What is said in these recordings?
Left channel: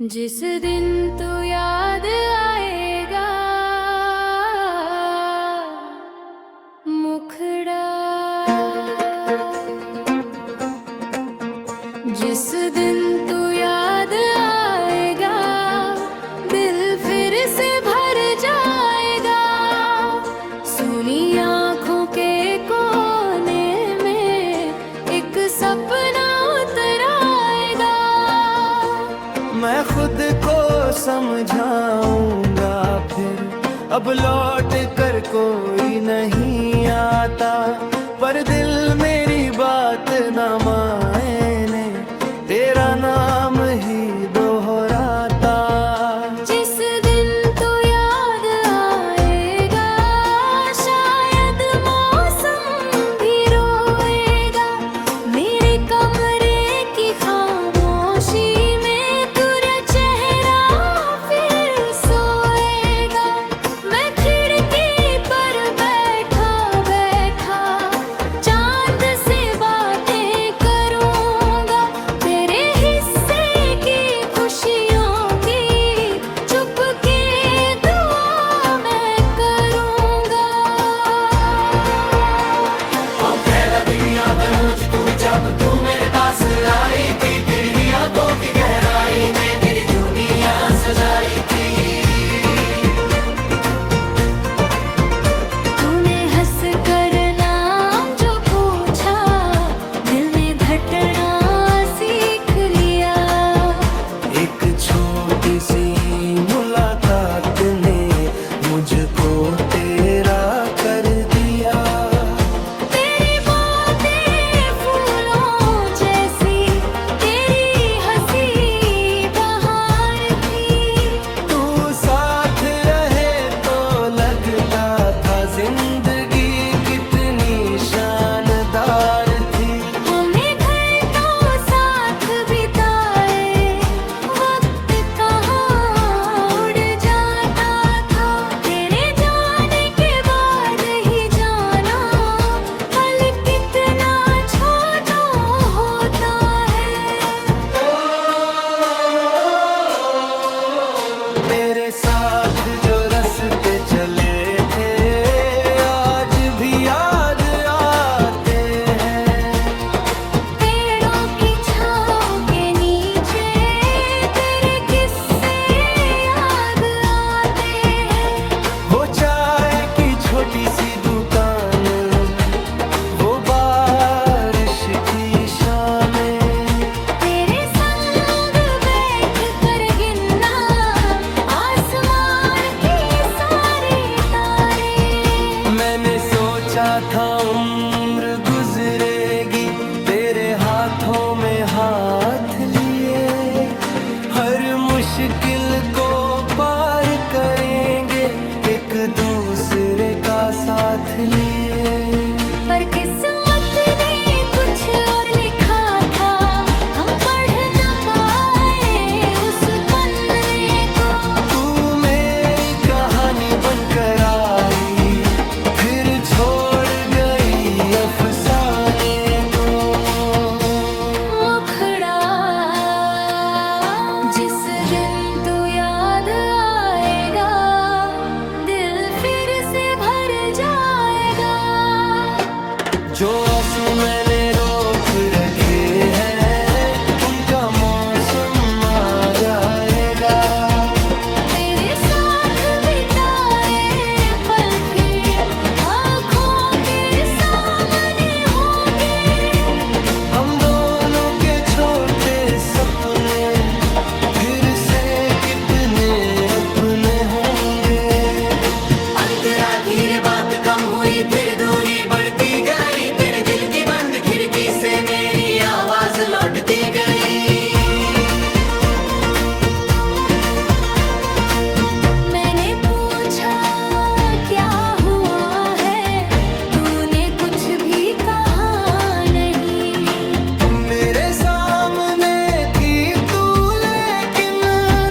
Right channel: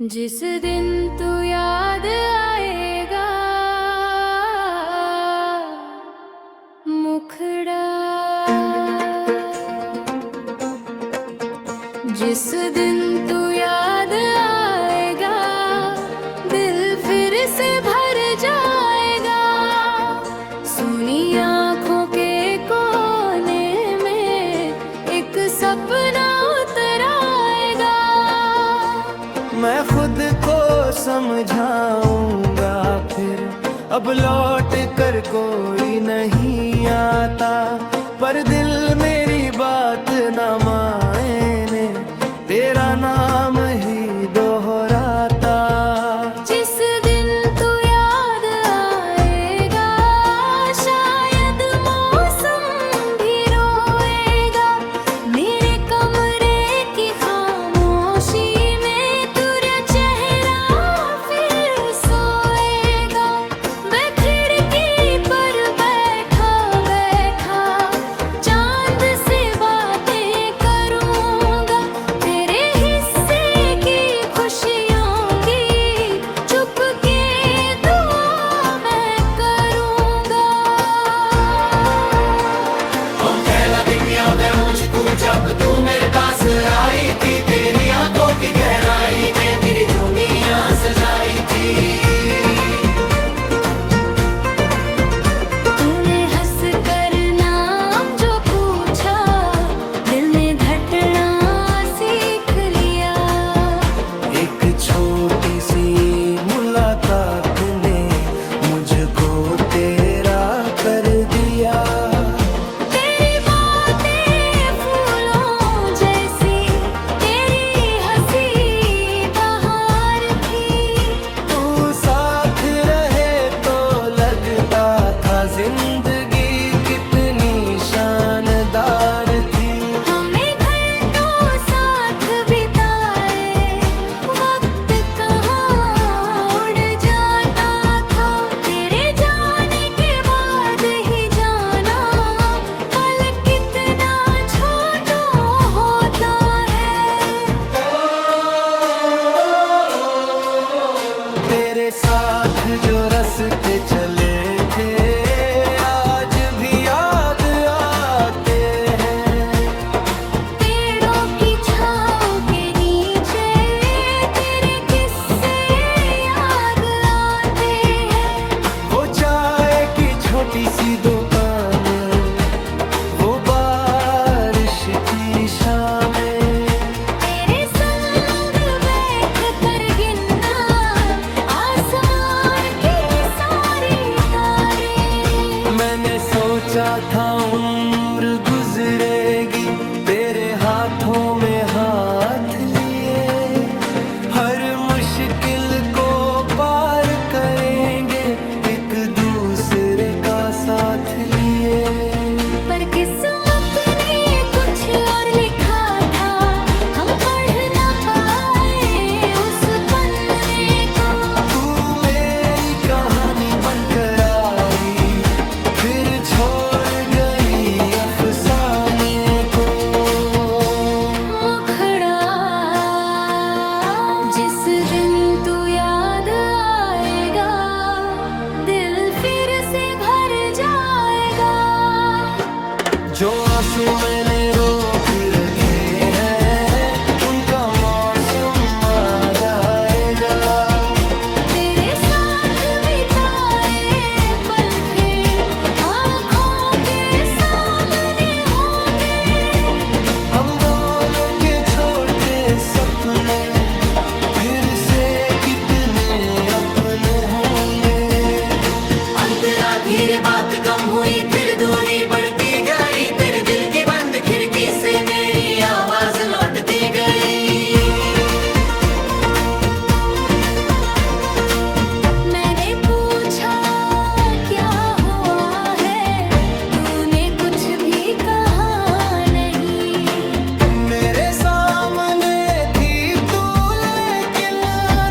जिस दिन तू याद आएगा मुखड़ा, जिस दिन तू याद आएगा दिल फिर से भर जाएगा। सुनी आँखों के कोने में एक सपना उतर आएगा। मैं खुद को समझाऊंगा फिर अब लौट कर कोई नहीं आता, पर दिल मेरी बात न माने तेरा नाम ही दोहराता। जिस दिन तू याद आएगा शायद मौसम भी रोएगा। मेरे कमरे की खामोशी में तेरा चेहरा फिर सोएगा। मैं खिड़की पर बैठा बैठा चांद से बातें करूंगा। तेरे हिस्से की खुशियों की चुपके दुआ मैं करूंगा। हम पहला दुनिया में मुझको जब तू मेरे पास आई थी, तेरी आंखों की गहराई में मेरी दुनिया सजाई थी। तूने हंस कर नाम जो पूछा दिल ने धड़कना सीख लिया। एक छोटी सी मुलाकात ने मुझको तेरा कर दिया। तेरी बातें फूलों जैसी, तेरी हंसी बहार थी। तू साथ रहे तो लगता था जिंदगी कितनी शानदार थी। हमें घंटों साथ बिताए वक्त कहाँ उड़ जाता था। तेरे जाने के बाद ही जाना पल कितना छोटा होता है। तेरे साथ जो रास्ते चले थे आज भी याद आते हैं। पेड़ों की छाँव के नीचे तेरे किस्से याद आते हैं। वो चाय की छोटी सी दुकान, वो बारिश की शामें, तेरे संग बैठ कर गिनना आसमान की सारी तारे। मैंने सोचा था उम्र गुजरेगी तेरे हाथों में हाथ लिए। हर मुश्किल को पार करेंगे एक दूसरे का साथ लिए। पर किस्मत ने कुछ और लिखा था, हम पढ़ न पाए उस पन्ने को। तू मेरी कहानी बनकर आई फिर छोड़ गई अफसाने को। मुखड़ा, जिस दिन तू याद आएगा दिल फिर से भर जाएगा। जो आंसू मैंने रोक रखे हैं उनका मौसम आ जाएगा। तेरे साथ बिताए पल फिर आँखों के सामने होंगे। हम दोनों के छोटे सपने फिर से कितने अपने होंगे। अंतरा धीरे बात कम हुई फिर दूरी बढ़ती गई। तेरे दिल की बंद खिड़की से मेरी आवाज लौटती गई। मैंने पूछा क्या हुआ है, तूने कुछ भी कहा नहीं। मेरे सामने थी तू लेकिन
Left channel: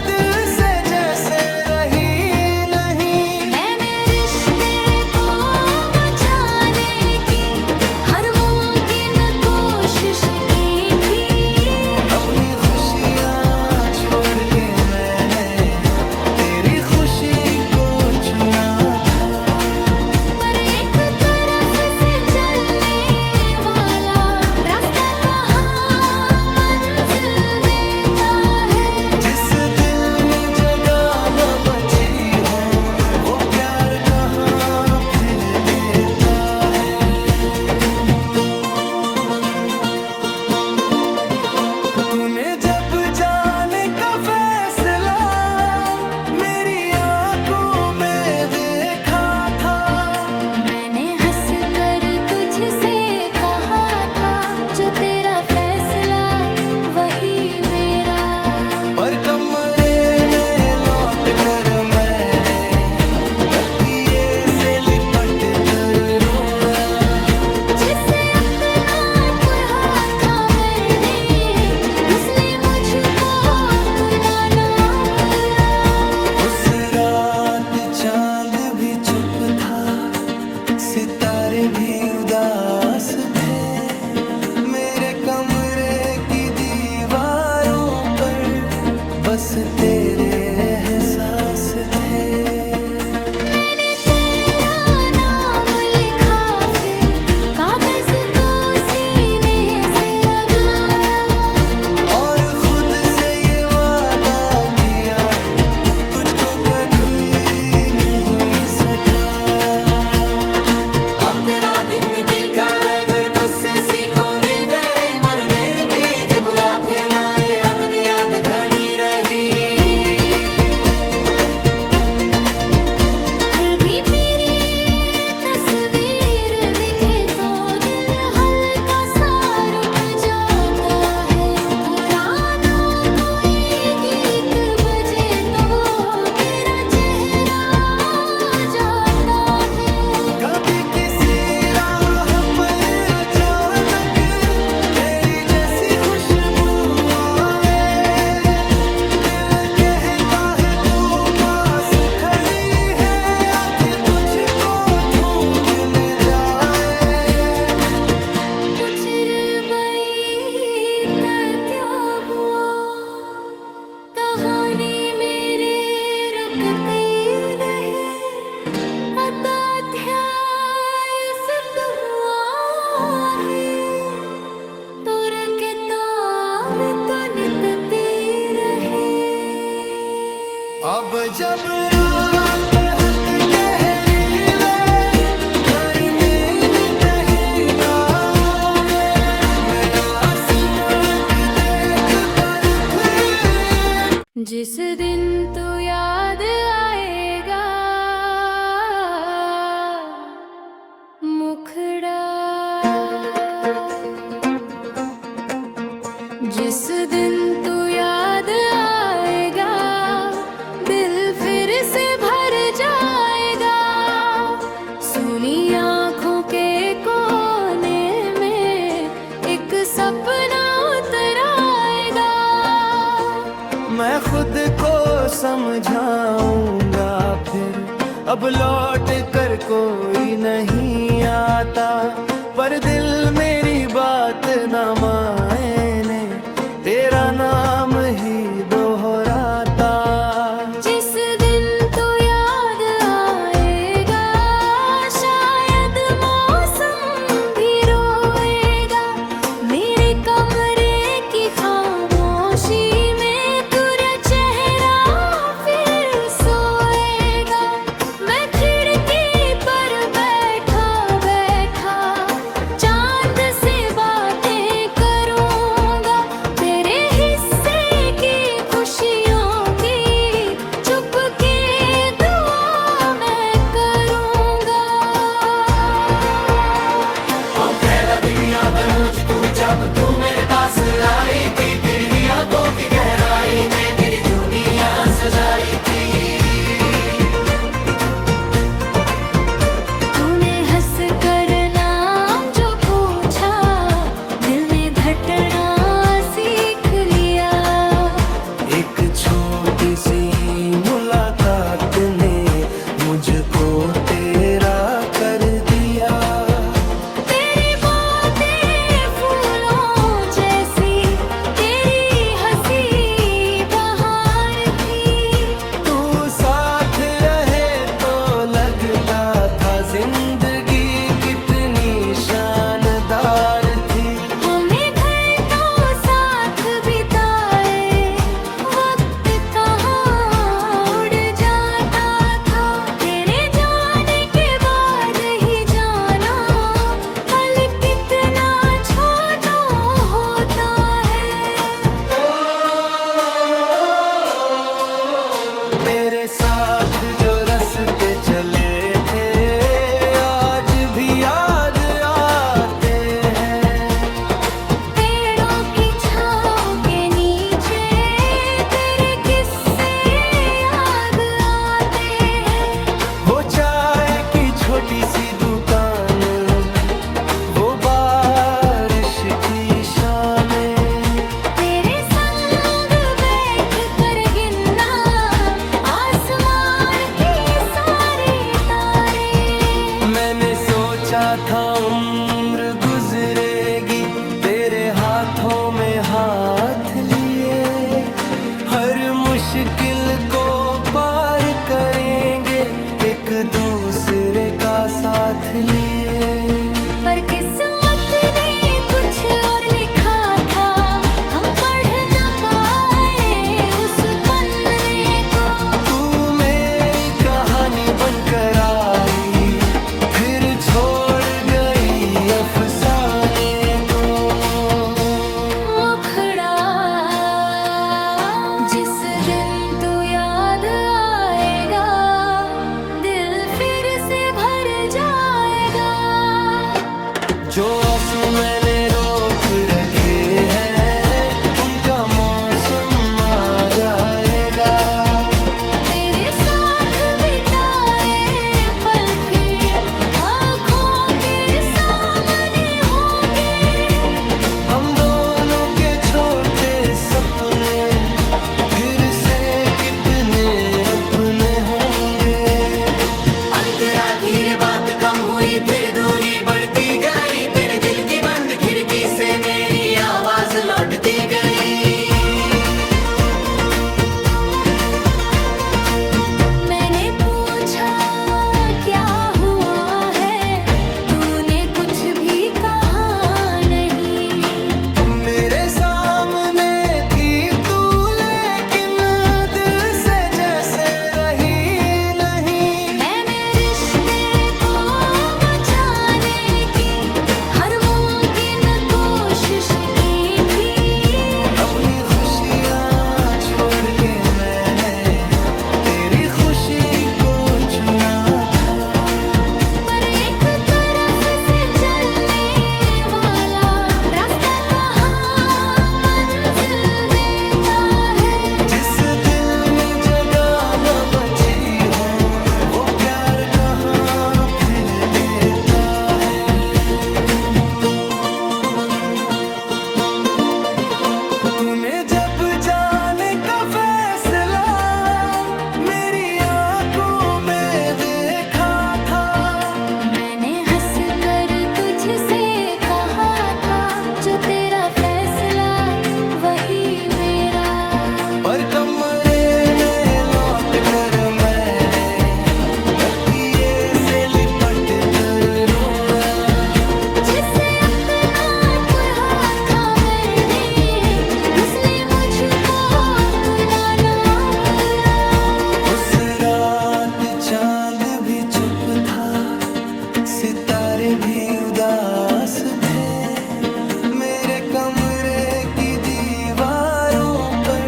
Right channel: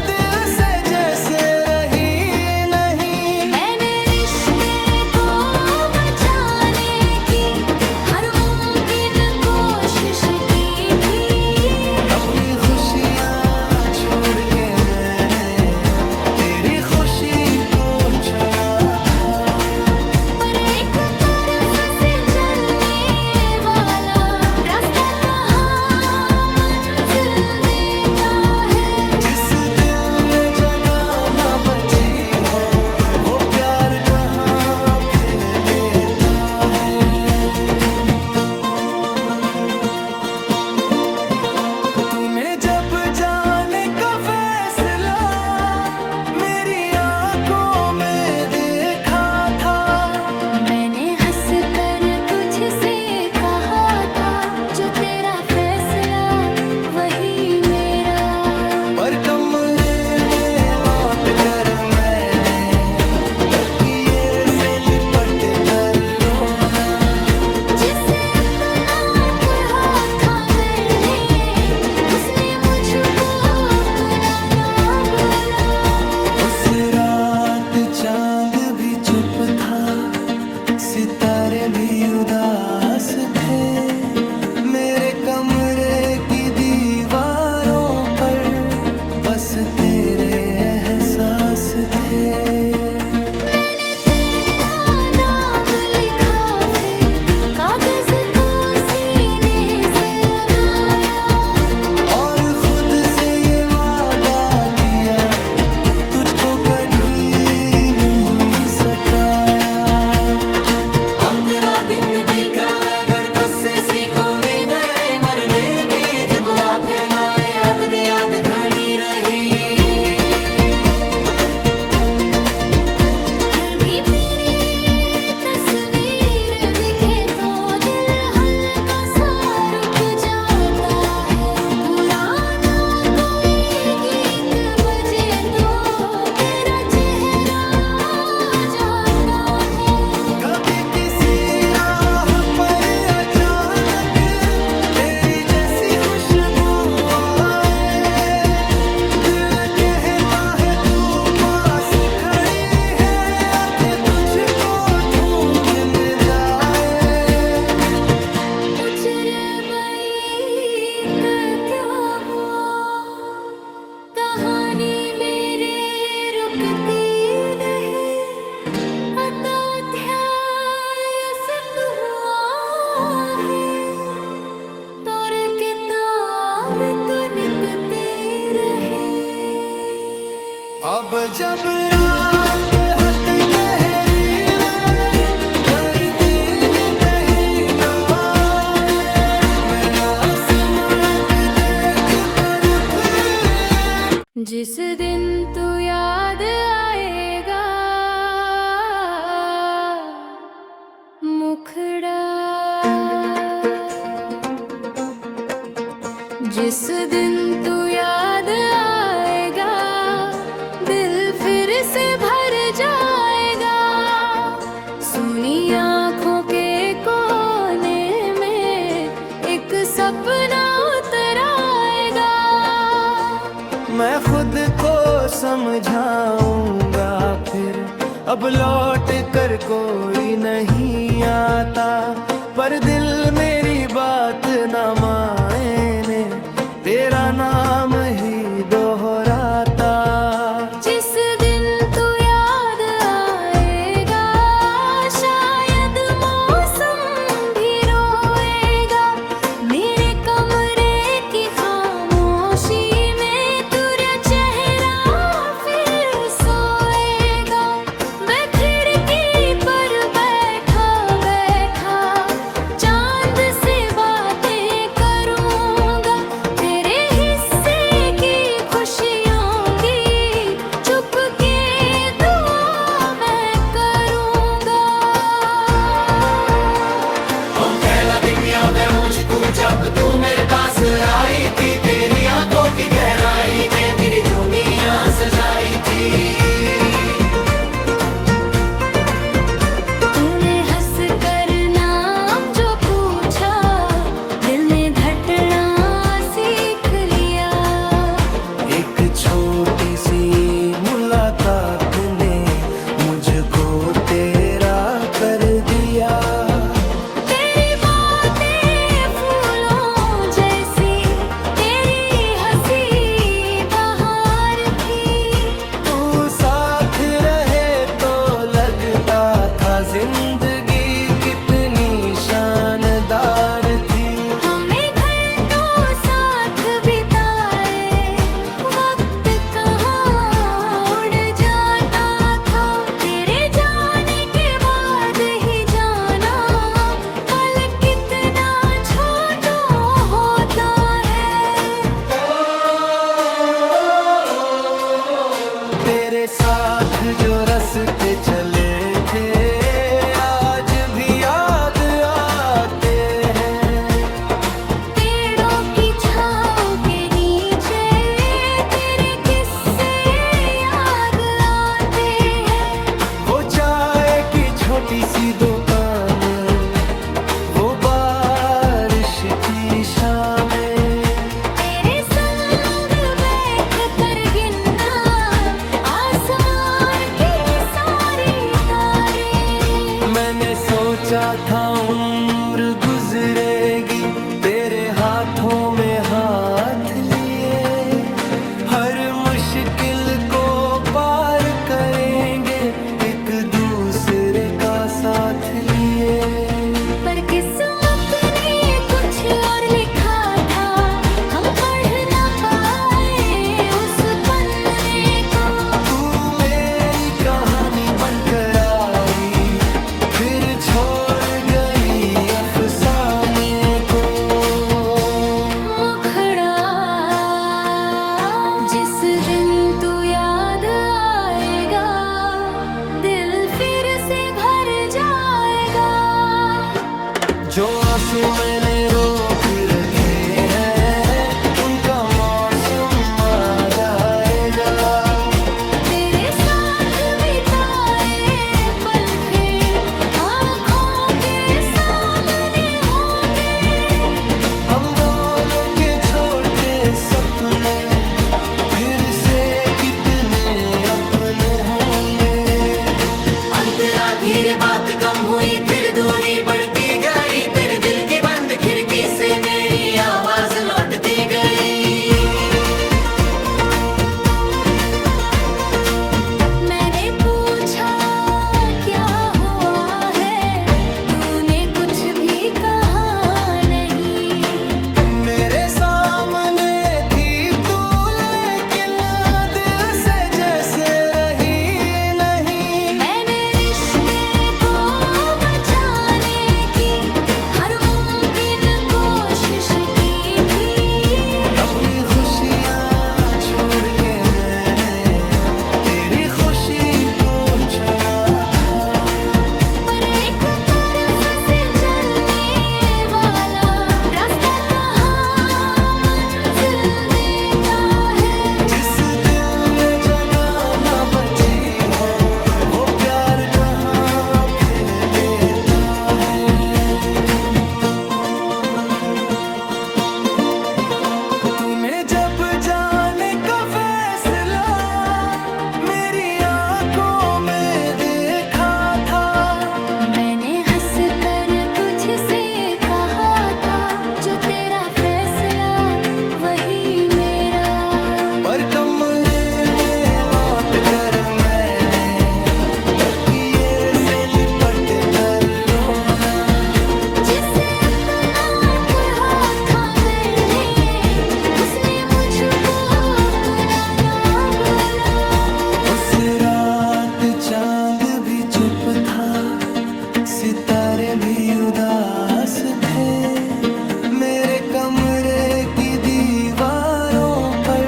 दिल से जैसे रही नहीं। मैंने रिश्ते को बचाने की हर मुमकिन कोशिश की थी। अपनी खुशियाँ छोड़ छोड़ के मैंने तेरी खुशी को चुना था। पर एक तरफ से चलने वाला रास्ता कहाँ मंजिल देता है। जिस दिल में जगह न बची हो वो प्यार कहाँ फिर देता है। तूने जब जाने का फैसला मेरी आंखों में देखा था, मैंने हंस कर तुझसे कहा था जो तेरा फैसला वही मेरा। पर कमरे में लौट कर मैंने तकिए से लिपट कर रोया। जिसे अपना पुरहा था मैंने उसने मुझको अपना ना बोला। उस रात चांद भी चुप था, सितारे भी उदास थे। मेरे कमरे की दीवारों पर बस तेरे एहसास थे। मैंने तेरा नाम लिखा फिर कागज को सीने से लगाया और खुद से ये वादा किया तुझको कभी नहीं सताया। हम तेरा दिन दिखा घर तुझसे सीखो नहीं गए, मर मेरी पीठ बुला फैलाए अपनी याद घनी रही। फिर भी तेरी तस्वीर दिखे तो दिल हल्का सा रुक जाता है। पुराना कोई गीत बजे तो तेरा चेहरा आ जाता है। कभी किसी राह पर अचानक तेरी जैसी खुशबू आए, दिल कहता है तू पास खड़ी है, आंखें तुझको ढूंढने जाए। उचर गई क्या हुआ कहानी मेरे रुकती रहे। अध्याय सब हुआ है तोर किताब तो नितते रहे। अब जब रात बहुत गहरी वे पर मैंने कहीं ना आए, मैं आसमां पे देख कर फिर जिस दिन तू याद आएगा मुखड़ा, जिस दिन तू याद आएगा दिल फिर से भर जाएगा। सुनी आँखों के कोने में एक सपना उतर आएगा। मैं खुद को समझाऊंगा फिर अब लौट कर कोई नहीं आता। पर दिल मेरी बात न माने तेरा नाम ही दोहराता। जिस दिन तू याद आएगा शायद मौसम भी रोएगा। मेरे कमरे की खामोशी में तेरा चेहरा फिर सोएगा। मैं खिड़की पर बैठा बैठा चांद से बातें करूंगा। तेरे हिस्से की खुशियों की चुपके दुआ मैं करूंगा। हम पहला दिन याद है मुझको जब तू मेरे पास आई थी, तेरी आंखों की गहराई ने मेरी दुनिया सजाई थी। तूने हंस कर नाम जो पूछा दिल ने धड़कना सीख लिया। एक छोटी सी मुलाकात ने मुझको तेरा कर दिया। तेरी बातें फूलों जैसी, तेरी हंसी बहार जिंदगी कितनी शानदार थी। हमें घंटों साथ बिताए, वक्त कहाँ उड़ जाता था। तेरे जाने के बाद ही जाना, पल कितना छोटा होता है। तेरे साथ जो रास्ते चले थे आज भी याद आते हैं। पेड़ों की छाँव के नीचे तेरे किस्से याद आते हैं। वो चाय की छोटी सी दुकान, वो बारिश की शामें, तेरे संग बैठ कर गिनना आसमान की सारी तारे। मैंने सोचा था उम्र गुजरेगी तेरे हाथों में हाथ लिए। हर मुश्किल को पार करेंगे एक दूसरे का साथ लिए। पर किस्मत ने कुछ और लिखा था, हम पढ़ न पाए उस पन्ने को। तू मेरी कहानी बनकर आई, फिर छोड़ गई अफसाने को। मुखड़ा जिस दिन तू याद आएगा, दिल फिर से भर जाएगा। जो आंसू मैंने रोक रखे हैं उनका मौसम आ जाएगा। तेरे साथ बिताए पल फिर आँखों के सामने होंगे। हम दोनों के छोटे सपने फिर से कितने अपने होंगे। अंतरा धीरे बात कम हुई, फिर दूरी बढ़ती गई। तेरे दिल की बंद खिड़की से मेरी आवाज लौटती गई। मैंने पूछा क्या हुआ है, तूने कुछ भी कहा नहीं। मेरे सामने थी तू लेकिन दिल से जैसे रही नहीं। मैंने रिश्ते को बचाने की हर मुमकिन कोशिश की थी। अपनी खुशियाँ छोड़ के मैंने तेरी खुशी को चुना था। पर एक तरफ से चलने वाला रास्ता कहाँ मंजिल देता है। जिस दिल में जगह न बची हो वो प्यार कहाँ फिर देता है। तूने जब जाने का फैसला मेरी आंखों में देखा था। मैंने हंस कर तुझसे कहा था, जो तेरा फैसला वही मेरा। पर कमरे में लौट कर मैंने तकिए से लिपट कर रोया। जिसे अपना पुरहा था मैंने, उसने मुझको अपना ना बोला। उस रात चांद भी चुप था, सितारे भी उदास थे। मेरे कमरे की दीवारों पर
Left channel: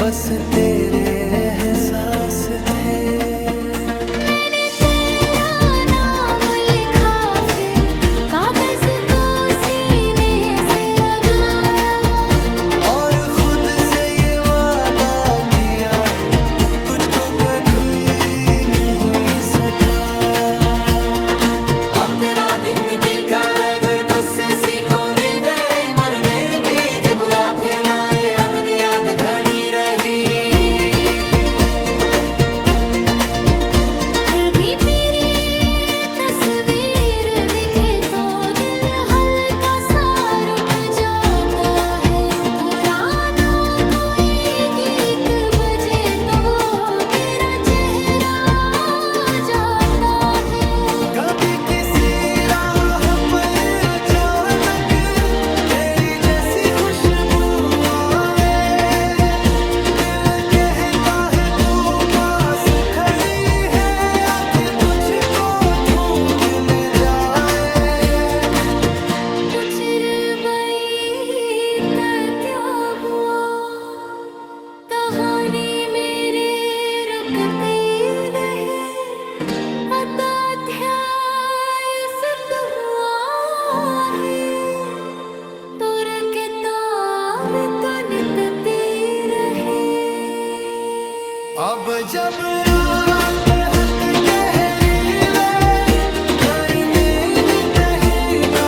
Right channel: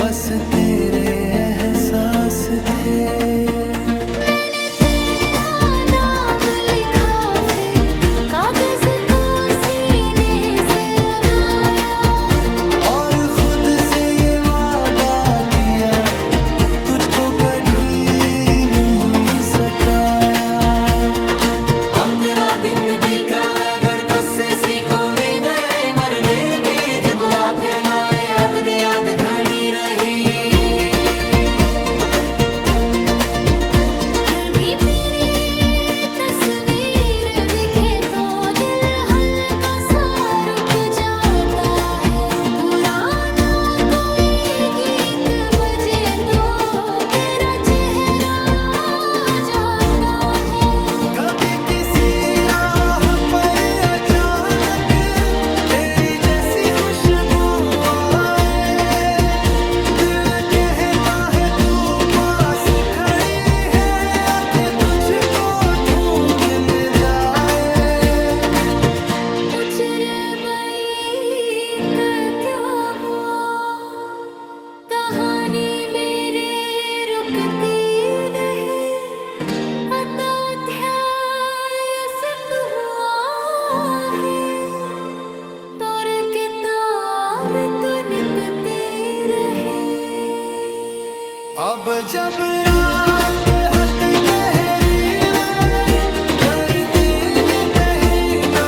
बस तेरे एहसास थे। मैंने तेरा नाम लिखा, फिर कागज को सीने से लगाया। और खुद से ये वादा किया तुझको कभी नहीं सताया। हम तेरा दिन दिखा अगर तुझसे सीखो नहीं गए, मर मेरी पीठ बुला फैलाए अपनी याद घनी रही। अब जब रात हद गहरी वे पर मैंने तही ना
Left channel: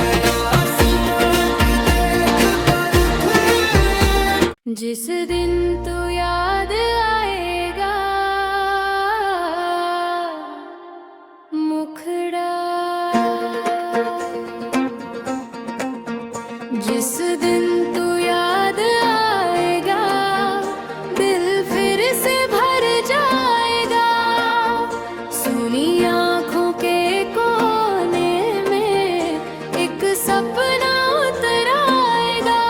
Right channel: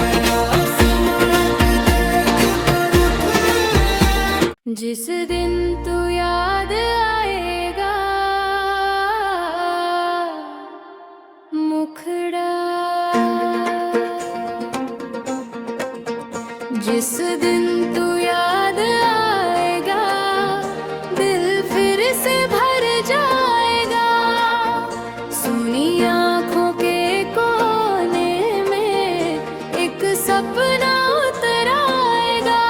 मैं आसमान देख कर फिर जिस दिन तू याद आएगा मुखड़ा जिस दिन तू याद आएगा दिल फिर से भर जाएगा सुनी आँखों के कोने में एक सपना उतर आएगा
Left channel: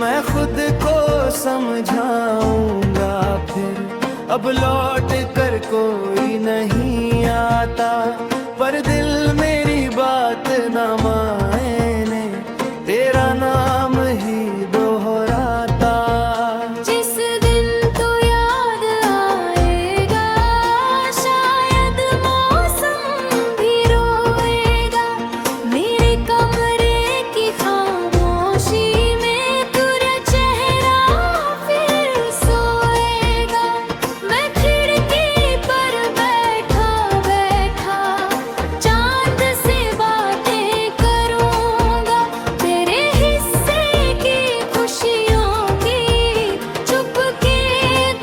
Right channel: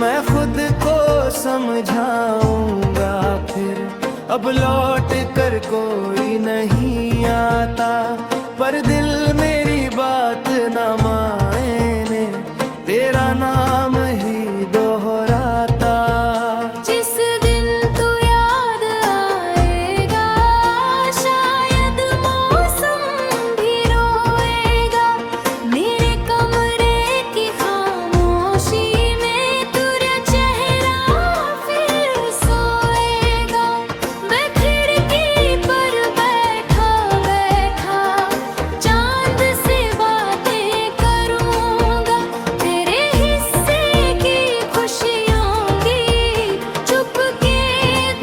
मैं खुद को समझाऊंगा फिर अब लौट कर कोई नहीं आता पर दिल मेरी बात न माने तेरा नाम ही दोहराता जिस दिन तू याद आएगा शायद मौसम भी रोएगा मेरे कमरे की खामोशी में तेरा चेहरा फिर सोएगा मैं खिड़की पर बैठा बैठा चांद से बातें करूंगा तेरे हिस्से की खुशियों की चुपके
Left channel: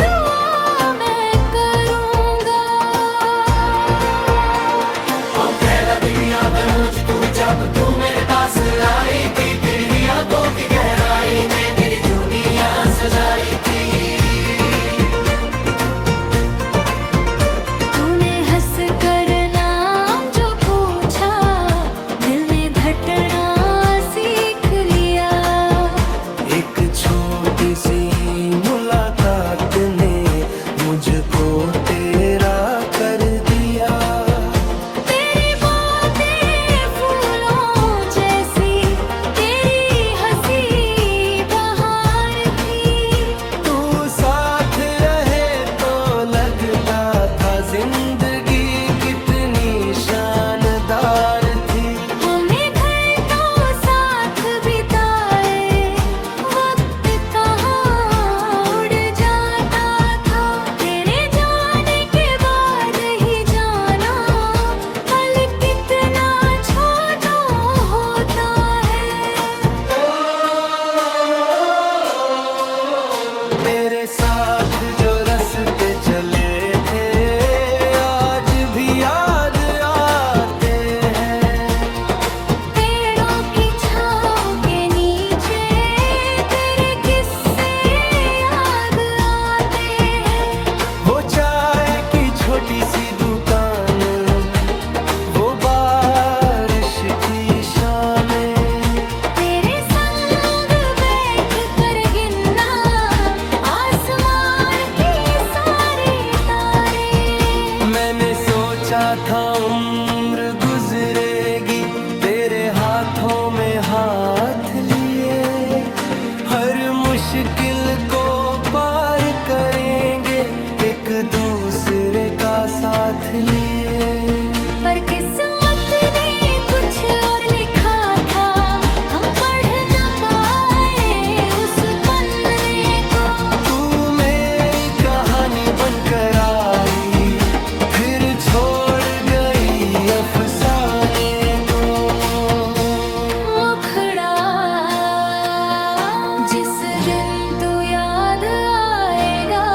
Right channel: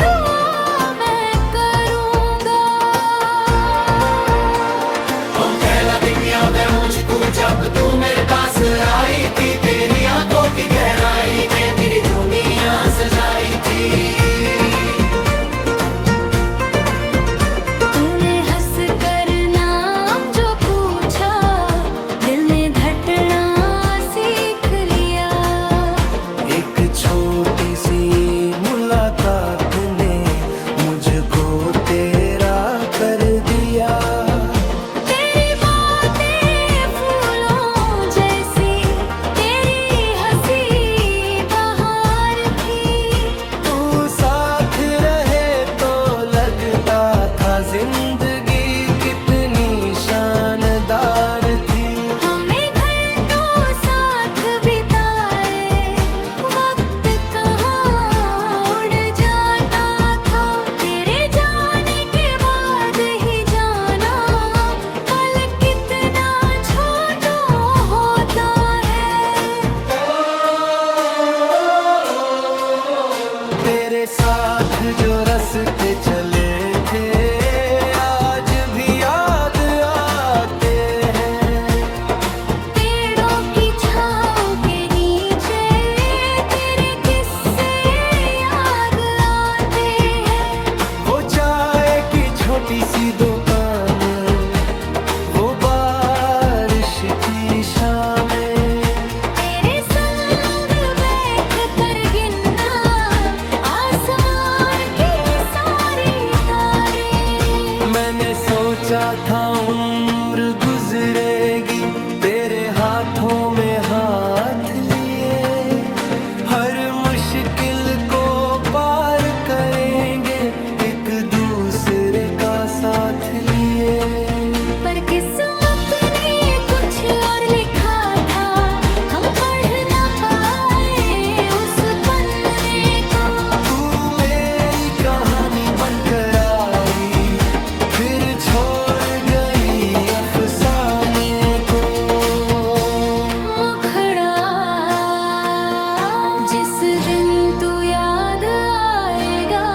दुआ मैं करूंगा हम पहला दिन याद है मुझको जब तू मेरे पास आई थी तेरी आंखों की गहराई ने मेरी दुनिया सजाई थी तूने हंस कर नाम जो पूछा दिल ने धड़कना सीख लिया एक छोटी सी मुलाकात ने मुझको तेरा कर दिया तेरी बातें फूलों जैसी तेरी हंसी बहार थी तू साथ रहे तो लगता था जिंदगी कितनी शानदार थी हमें घंटों साथ बिताए वक्त कहाँ उड़ जाता था तेरे जाने के बाद ही जाना पल कितना छोटा होता है तेरे साथ जो रास्ते चले थे आज भी याद आते हैं पेड़ों की छाँव के नीचे तेरे किस्से याद आते हैं वो चाय की छोटी सी दुकान वो बारिश की शामें तेरे संग बैठ कर गिनना आसमान की सारी तारे मैंने सोचा था उम्र गुजरेगी तेरे हाथों में हाथ लिए हर मुश्किल को पार करेंगे एक दूसरे का साथ लिए पर किस्मत ने कुछ और लिखा था हम पढ़ न पाए उस पन्ने को तू मेरी कहानी बनकर आई फिर छोड़ गई अफसाने को मुखड़ा जिस दिन तू याद आएगा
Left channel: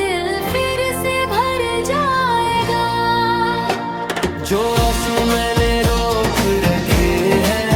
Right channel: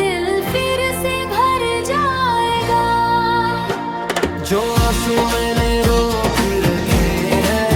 दिल फिर से भर जाएगा जो आंसू मैंने रोक रखे हैं